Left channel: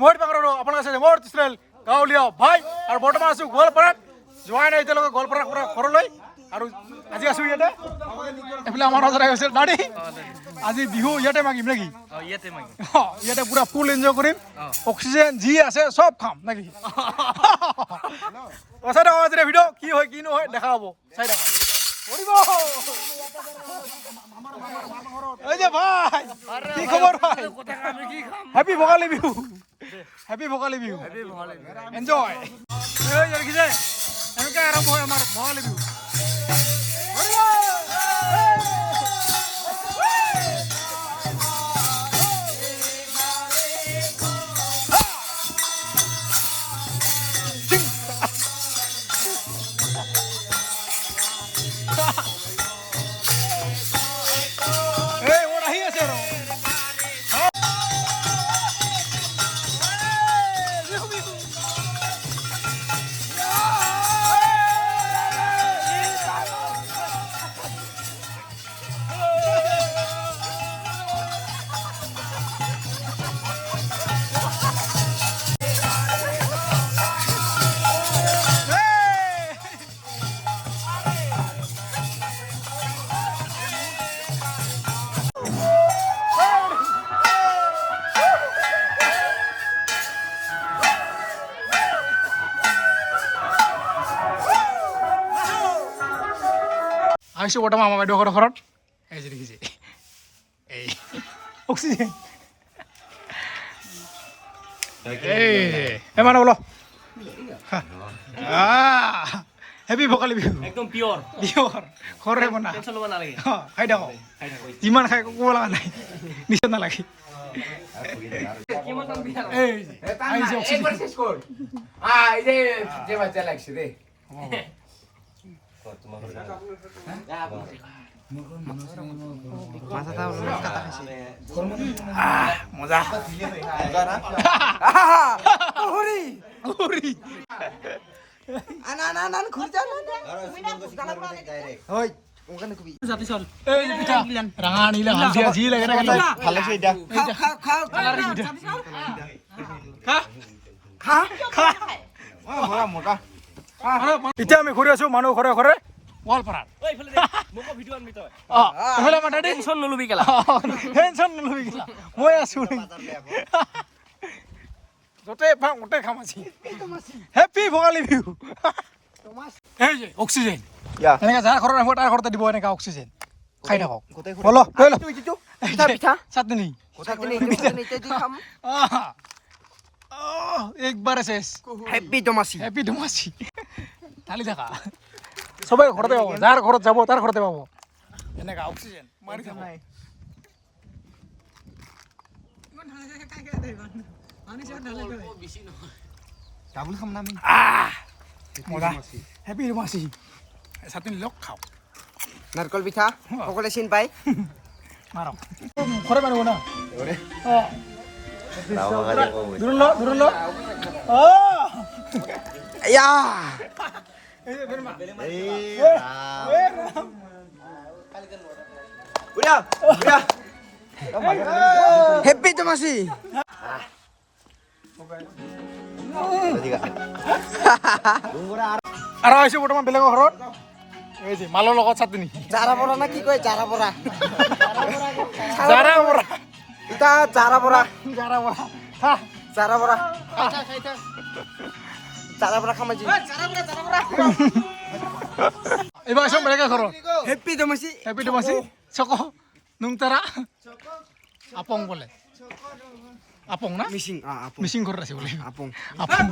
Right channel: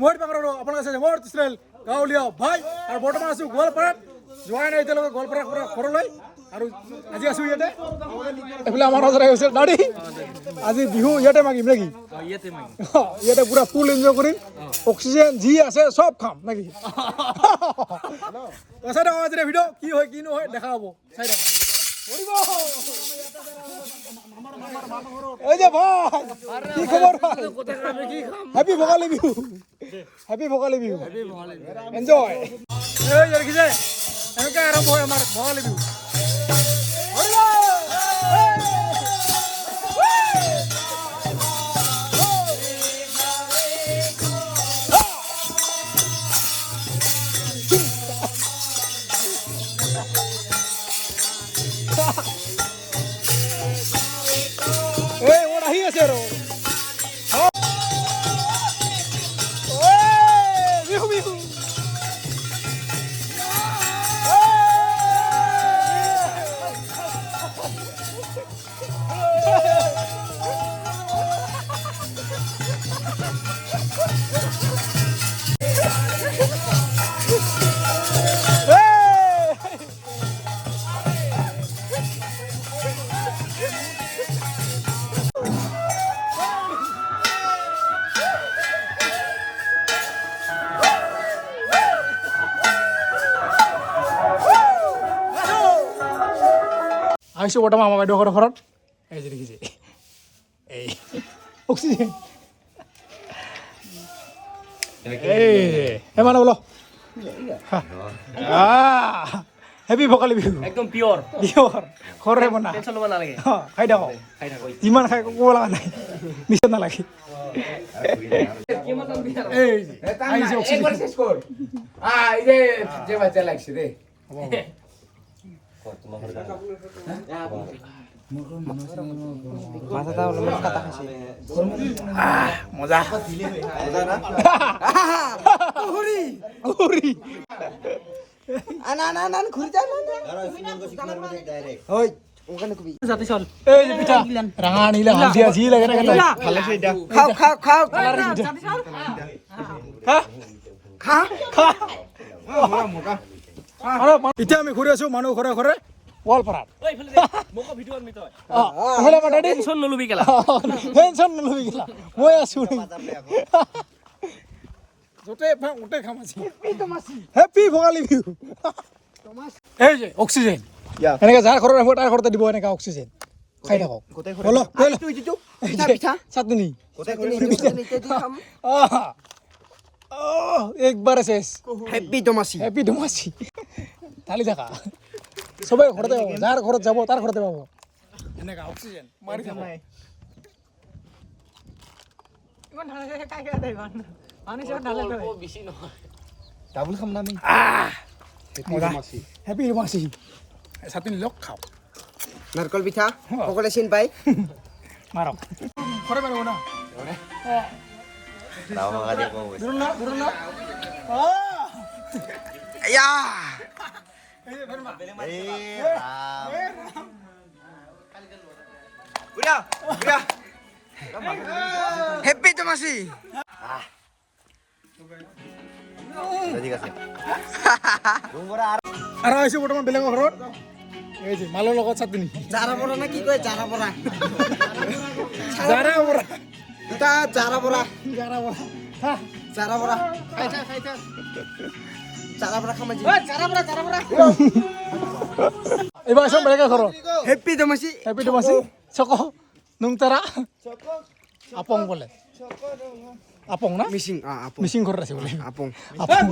মই পাকৰো আপোনালোকে চাইছে মোৰ চেনেল গাঁৱলীয়া ভাই আৰু বৰ্তমান আছোঁ গোৱালপাৰাত যোৱাই নাই এতিয়ালৈকে গোৱালপাৰাৰ পৰা ঘৰলৈ আৰু আজি আছোঁ ইয়াতে? এইফালে আমাৰ মাজত হৈছে দাঢ়ি আজি বিহু ইয়াতে মাগিম নেকি? ইয়াতে পুৰা ফুল এনজয় কৰিম। অক্সিজেন যি আছে চব খাম নেকি? চাই থাকক ভিডিঅ' কি হয় কি নহয় দেখা হ'ব। চাই থাকক। এই যে ভাই কি খবৰ ভাই happy Bhogali Bihu happy Bhogali Bihu enjoy এই যে দেখিছে এনেকৈ আৰম্ভ হয় আমাৰ ভোগালী বিহু আহিছোঁ বৰ্তমান আমাৰ বাইদেউহঁতৰ ঘৰত এই যে দেখিছে এই। অক্সিজেন। এই মানে বোলো। হেপী ভোগালী বিহু। একদম পিয়ৰ বিহুৰ ঘৰৰে বনা খাই থাকক। যিমান খাই ক'ব লগা নাই। নিচা নালাগে। এই যে, আহিছে অক্সিজেন। মজা। উৰি জাতি চল এই যে পিঠা ৰঙা নীলা হালধীয়া যি লাগে তাকে লৈ। খাও। খাও খাও। কালাৰিং পিঠা। খা খা আৰু এতিয়া আমি ঘূৰি আছো মানুহ ঘৰে ঘৰে গোৱালপাৰাত। টেনশ্যন নলবি কেলা। টেনশ্যন নলবি কেলা। মই আছো য'তে পাওঁ গোটেই খাম আজি। হেপী ভোগালী বিহু। এই যে অক্সিজেন. এনেকে যাৰ ঘৰত আহিব তাৰ ঘৰতে দিব এনেকা অক্সিজেন। খাই থাকক। বলো লৈ ল এই যে, চাটনি। একবাৰে শেষ হেপী দমাচি হেপী ধুমাচি ঢালি থাকা চবে ঘৰতে পাব যাৰ ঘৰত যাব তাৰ ঘৰতে পাব। এনেকা অক্সিজেন মাৰি থাকক ডাবুল খাম না আমি? লগ খাওঁ। নারকল পিঠা সকলে চিন পাই মাৰক ঘৰে মাৰিব না। অঁ দূৰ ল দূৰ ল অঁ ইয়া এই যে ফেৰমা হেপী দমাচি আৰু আহিছোঁ বৰ্তমান বেলেগৰ ঘৰত? এই যে মালৰ লগত চাটনি। জাৰা বৰা না কি কয় জাৰা বৰা জাৰা বৰা ইটা জাৰা বৰা জাৰা বৰা হা জাৰা বৰা জাৰা বৰা খাম আজি এইবাৰ আহিছোঁ বেলেগৰ ঘৰত হেপী দমাচি হেপী ধুমাচি চক নুংতাৰা আপং বোলে। আপং না মিচিং আ আপং মিচিং ঘৰত আছে বোলে আপং আপং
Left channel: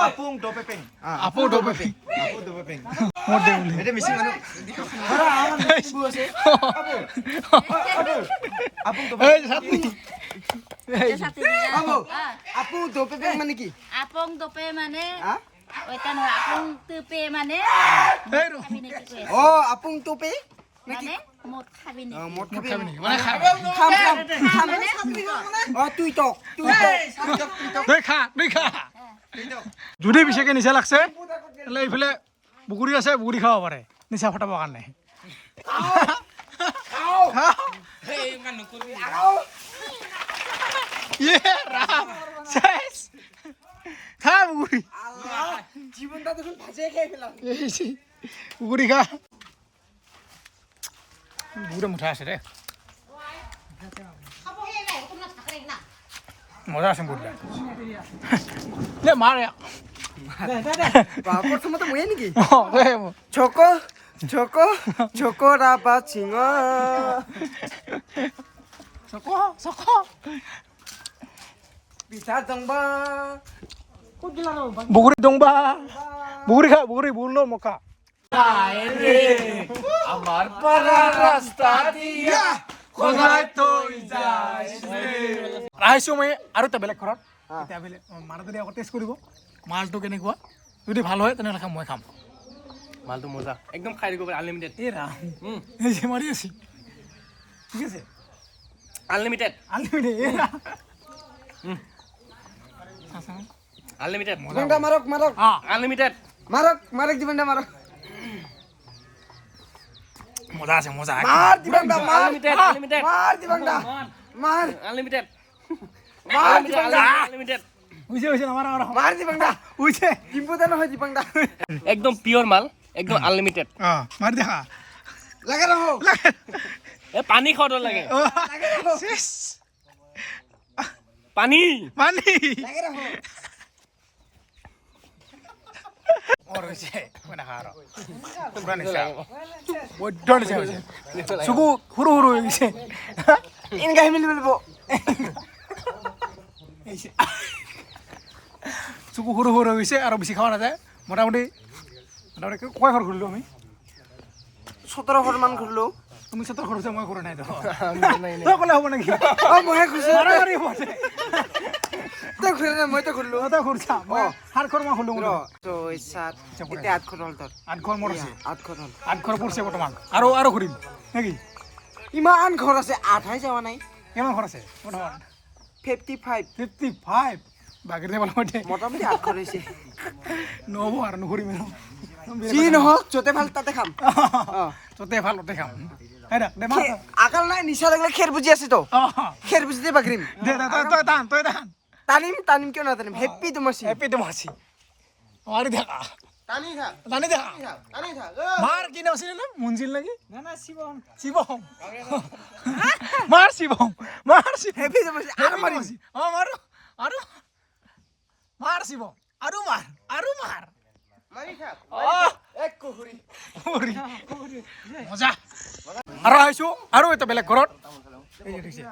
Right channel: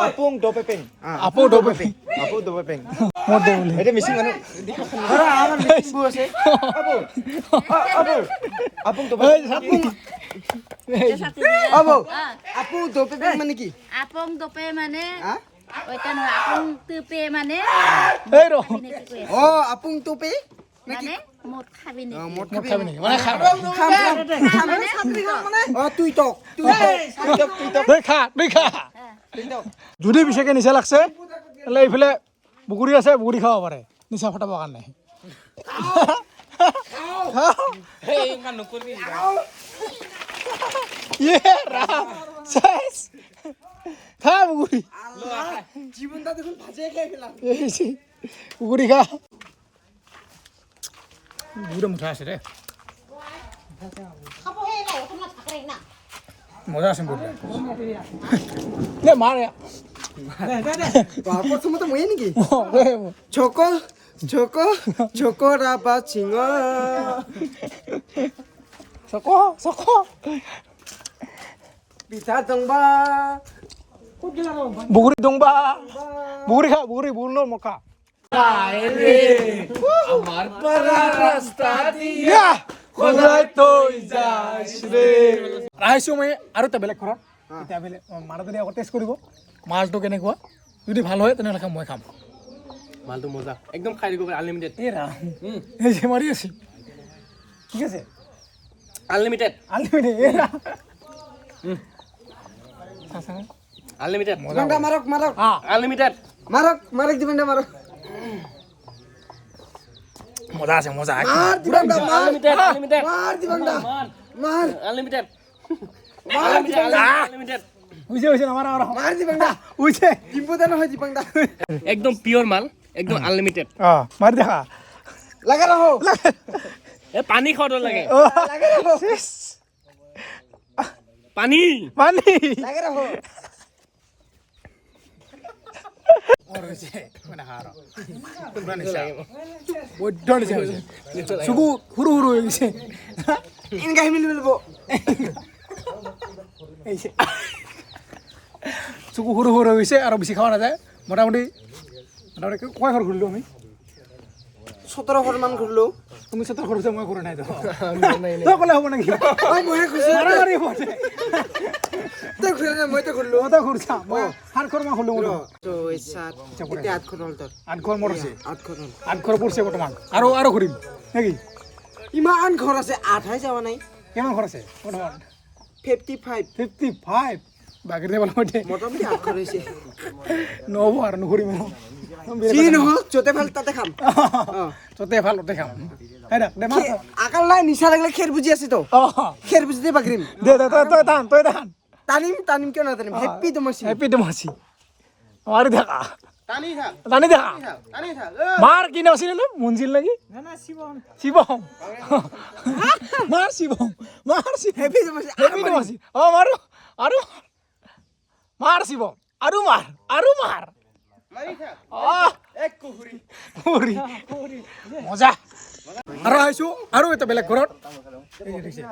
আপং দপেপেং আপৌ ডবে আপং দপেপেং মোৰ দে বোলে এটা মিচিং মানুহ আপং এই চাটনি আবো আপং দপেপেং মানে কি আপং দপে মানে আ ওইটা নহয় আপং তুপে মানে এই ৰ খাবি নে কি কয়? ও আপং তোপে নাকি মানে মদ খাবি নে মদ খাবি খাবি মানে খা খাম খাম খাম অ তুই টক তুই টক তুই টক তই খা তই খা যদি বিশেষকে নিচা লাগছে তেতিয়াহ'লে এইফালে বুকুৰি আছে বুকুৰি খাব পাৰে নিচা ফটাবৰ কাৰণে খাওঁ। ইয়ে রাম 무대 못 하시래. 못 하신 분이야. 내 말이야. 네, 네, 네. 와, 벌써부터 뭐 했는 게? 어, 왜 뭐? 저거, 저거, 저거라봐 징어. 저거, 저거. 비타 동바. 모그리 동바. 모그리가 모그리 몰라 먹까. আমার পাড়া রাস্তা দিয়ে 야, কোথায় তুই যাস রে? ৰাইছো মই আৰু এটা বেলেগ ঘৰত এতিয়া বেলেগ মাৰাজনী আকৌ টেষ্ট কৰিব। মাছটো কেনেকুৱা? যদি ভালো হয় তেনেহ'লে খাম মই খাম। মালটো মজা একদম খাই দিব আনলিমিটেড এই ৰাম। এই যে মাৰি আছে। ঠিক আছে আনলিমিটেড আনলিমিটেড এই ৰাম। আনলিমিটেড মজা মারক আ, আনলিমিটেড মারক মারক দিবাংটা মারক মজা আছে মজা। মার মার। আনলিমিটেড আনলিমিটেড মার মার আনলিমিটেড মার। আনলিমিটেড আমার আমার। মার হয় একদম পিয়ৰ মাল একদম আনলিমিটেড অ মাৰি দেখা। লাগা রাখো। এ পানী খাব লাগে। অ, লাগা রাখো। পানী। পানী। লাগা রাখো মোৰ হৈছে মই নাখাওঁ আৰু তোমরা নিচা বৈদ্য নিচা হৈছে চকু সৰু সৰু হৈ গৈছে ইনকা মিলি যে। চকু সৰু সৰু হৈ গৈছে আৰু বেছি খোৱা নাযায় মোটামুটি মোটামুটি কয় ঘৰ ঘূৰিলোঁ আমি সতেরো ঘর মান ঘুরলো তুমি চতৰ ঘূৰিছে মই ঘূৰা নাই তো। তই ক'লে হ'ব নেকি? মহে খুশি মাৰামাৰি হ'ব দে। তো ঘুরে না? মই তো ঘুরলো তই ঘূৰিছা মই সাত ঘৰ মই হ'লোঁ আট ঘর হল তোর আঠ ঘৰ মোৰ আছে। ঘর হল। আঠ ঘৰ পৰিছে বৰ্তমান। আৰু আৰু ঘূৰিম নেকি? ইমান ঘর আছে আঠাই যাওয়া নাই। কিমান ঘৰ আছে? বৰ্তমান? ফিফটি ফাইভ ফিফটি ফাইভ বাকী মোটামুটি আট ঘর হয়েছে নহ'ব আৰু নুঘূৰিম আৰু। যি নহওক য'তে ভালো তাতে খাম। অ। ততে ভালো ততে খাম। না দে মাৰ খে- আকাল নাই নিচা লাগলে খেৰ বুজি আছে তো। খেৰ বুজিতে বাগৰিম। দে দে তই তই টান তই টান। টানিম টানিম কিয় নাটানিম? হেপ্পি তোমাচি হেপি ডেমচি মাৰি দেখা। টানি থাক টানি দেখা। টানি থাক মাৰ কি নাম আছিলে নো? মুঞ্জিল নেকি? মাৰ মাৰ মাৰো মাৰ শিৱম। আৰু মাৰ। আৰু মাৰ। মাৰি থাক মাৰি। মজা। আৰু আহিছোঁ আৰু এটা বেলেগ ঘৰত।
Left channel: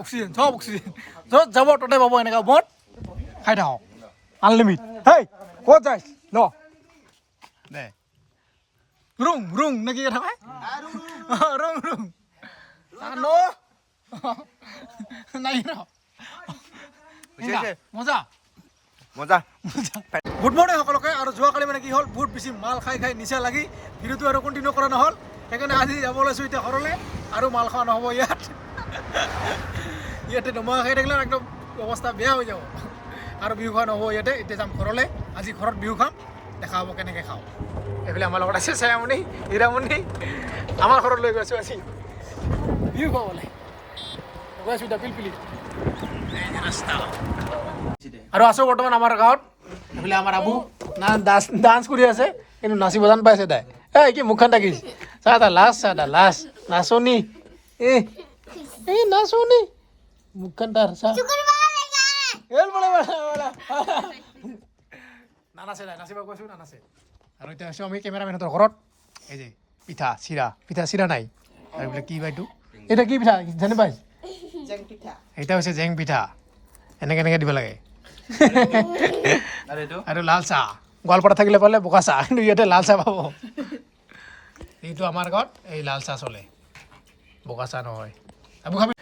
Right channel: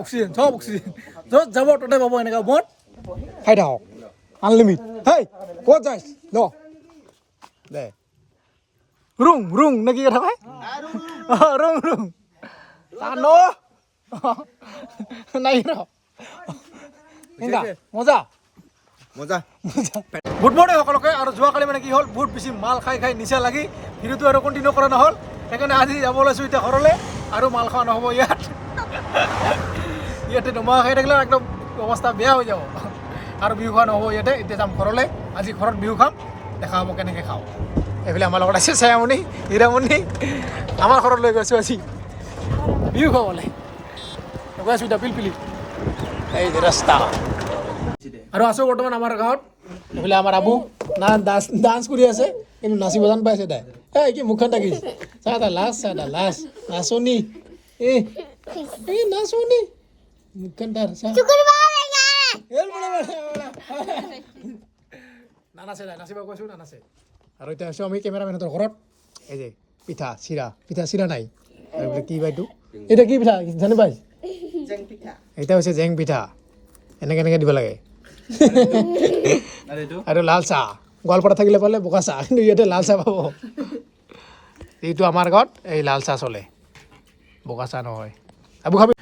অক্সিজেন চব অক্সিজেন। য'ত যাব ততে পাব এনেকুৱা মদ খাই থাকক। আনলিমিট হেই ক'ত যাইছ? ল। দে। ৰুং ৰুং নে কি কথা কয়? ৰুং ৰুং। টান নাই ৰ। এনেকা, মজা। মজা। গুড মৰ্ণিং সকলোকে, আৰু যোৱাকালি মানে কি হ'ল, বহুত বেছি মাল খাই খাই নিচা লাগি ভিডিঅ'টো আৰু কণ্টিনিউ কৰা নহ'ল, সেইকাৰণে আজি যাব লৈছোঁ এতিয়া ঘৰলৈ, আৰু মাল খোৱা নহ'ব ইয়াত। ইয়াতে নমা খাই থাকিলে একদম অৱস্থা বেয়া হৈ যাব। আৰু বিহু খোৱা নহ'ব ইয়াতে, এতিয়া যাম ঘৰলৈ, আজি ঘৰত বিহু খাম, দেখা হ'ব কেনেকৈ খাওঁ। এইফালে আমাৰ লগত আছে ছায়ামণি হীৰামণি, আমাৰ ঘৰত লৈ গৈছোঁ আজি। বিহু খাবলৈ। গৈ আছোঁ এতিয়া পিলপিলি। এই ৰাস্তা। আৰু আছোঁ বৰ্তমান আমাৰ গাঁৱত। এইফালে আমাৰ আবু না ডান্স ডান্স কৰি আছে কিন্তু নাচিব জান পাইছে তাই। এই কি মুখখন থাকিছ চা এটা লাজ চা এটা লাজ। নাচনী। এ এই নাচনী। মুখখন তাৰ চা। এল বলে বলে বলে। নানাচে তাই নাচিব কৈছোঁ নানাচে। আৰু এতিয়া আছোঁ আমি কেমেৰামেনহঁতৰ ঘৰত। এই যে পিঠা চিৰা। পিঠা চিৰা নাই। আৰু এইবিলাক কি বাইটো এতিয়া কি পিঠা? জানি পাইছ? এতিয়া হৈছে জেং পিঠা। এনেকৈ এনেকৈ দিব লাগে। আৰু লাল চাহ গোৱালপাৰা থাকিলে পালে বোকা চাহ কিন্তু ইয়াতে লাল চাহ পাব। এইটো আমাৰ ঘৰত এই লাল চাহ চলে। বোকা চাহ নহয়। আবু খাবি।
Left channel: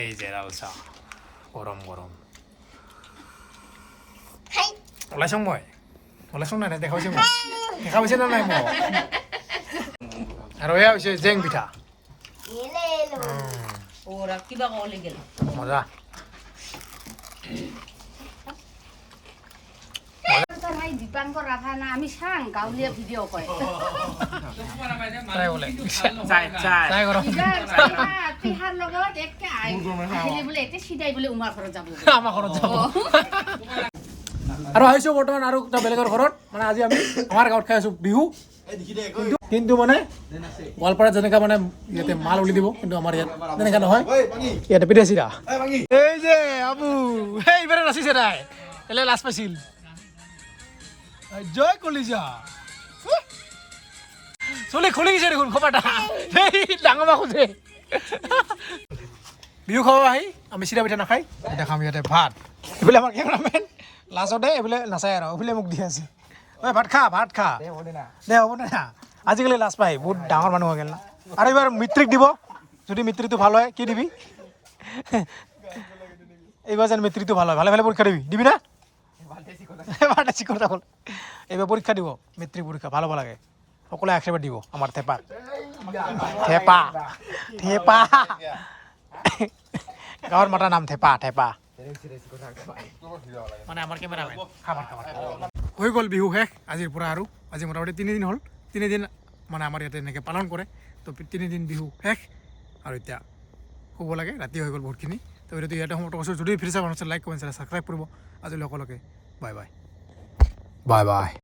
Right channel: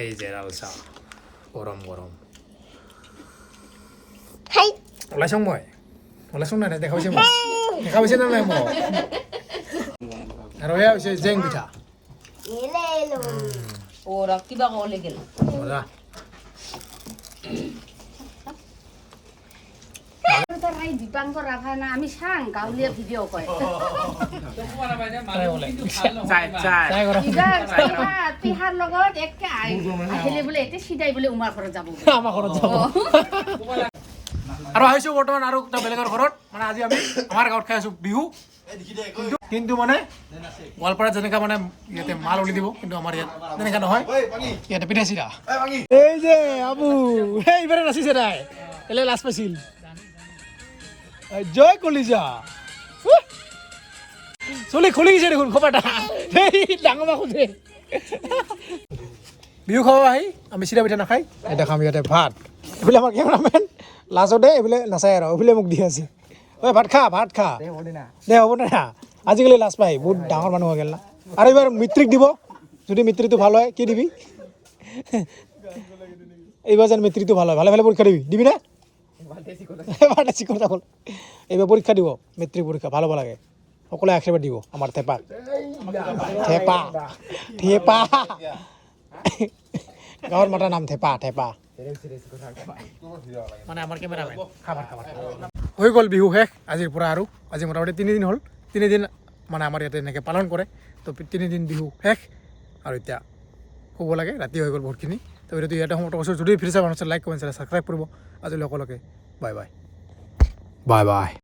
এই যে লাল চাহ গৰম। গৰম ওলাইছোঁ মই? ওলাইছোঁ নাই নাই দেখা পাইছে মোক। দেখা পাইছে নে নাই মোক? আৰু এয়া হৈছে জেং পিঠা। মজা। আছে ভাই দীপাঙ্কৰ ৰাভা না আমি চাং গাঁৱলীয়া ভিডিঅ' কয়। ট্ৰাই লগত একে আহিলে বোলে এতিয়া চিধাই বোলে উমাৰ ঘৰত যাব আমাৰ ঘৰত যাব। আৰু আহিছোঁ বৰ্তমান আৰু এটা বেলেগৰ ঘৰত। মানে আজি আমি আমাৰ গাঁৱত খাই আছোঁ বিহু। কিন্তু মানে গোৱালপাৰাত যেনেকা মানে ইয়াতে মাল উলি দিব কিন্তু আমাৰ ইয়াত তেনেকা নহয়। ইয়াতে পিঠে চিৰা এই যে আবু সেই ইবাৰে নাচিছে তাই। এলে লাজ পাইছিল। জয় কলিজা! চুলি খুলি গৈছে দেখোন খোপাটা। সেই ডাঙৰ মা খোজে বিহু খাব আহি আমি চিৰা পিঠা নাখাই। এতিয়া খাম ইয়াতে ভাত। এইফালে আমাৰ কেমেৰামেন লাজতে এইফালে নাচায় আৰু এইফালে মোক দি আছে। ঐ ভাত খা ভাত খা। দে হ'ব দে না। আজিকালি লাজ পাই বহুত ডাঙৰ মানুহ হৈ গ'ল না। আৰু এইবাৰ মেট্ৰিক দিব। যদি মেট্ৰিকটো ভালো হয় কি দিবি? এইবাৰ যেন মেট্ৰিকটো ভালো হয় ভালে ভালে পৰীক্ষা দিবি। দিবি না? কথা হ'ল এইবাৰ পৰীক্ষা দিব মেট্ৰিক পৰীক্ষা ভালো হ'ব লাগে সকলোৱে আশীৰ্বাদ দিব আমাৰ থেপাক থেপা থেপা। গাঁৱৰ মাতাৰ নাম থেপা থেপা। মানে আমাৰ কেমেৰামেন খাবাৰ খাবাৰ হৈ গ'ল বিহু শেষ আজিৰ পৰা আৰু। আজি মোটামুটি তিনিদিন হ'ল। তিনিদিন মানে আমাৰ ইয়াতে এনেকৈ পালন কৰে। তো তিনিদিন বিহু শেষ। আৰু এতিয়া শুব লাগে ৰাতি হৈ গ'ল বহুতখিনি। তো এইটো ইয়াতে সমাপ্ত কৰিছোঁ যদি ফ্ৰী চাই লাইক কমেণ্ট ছাবস্ক্ৰাইব কৰিব। আজিলৈ সকলোকে Bay bay. Bay bay.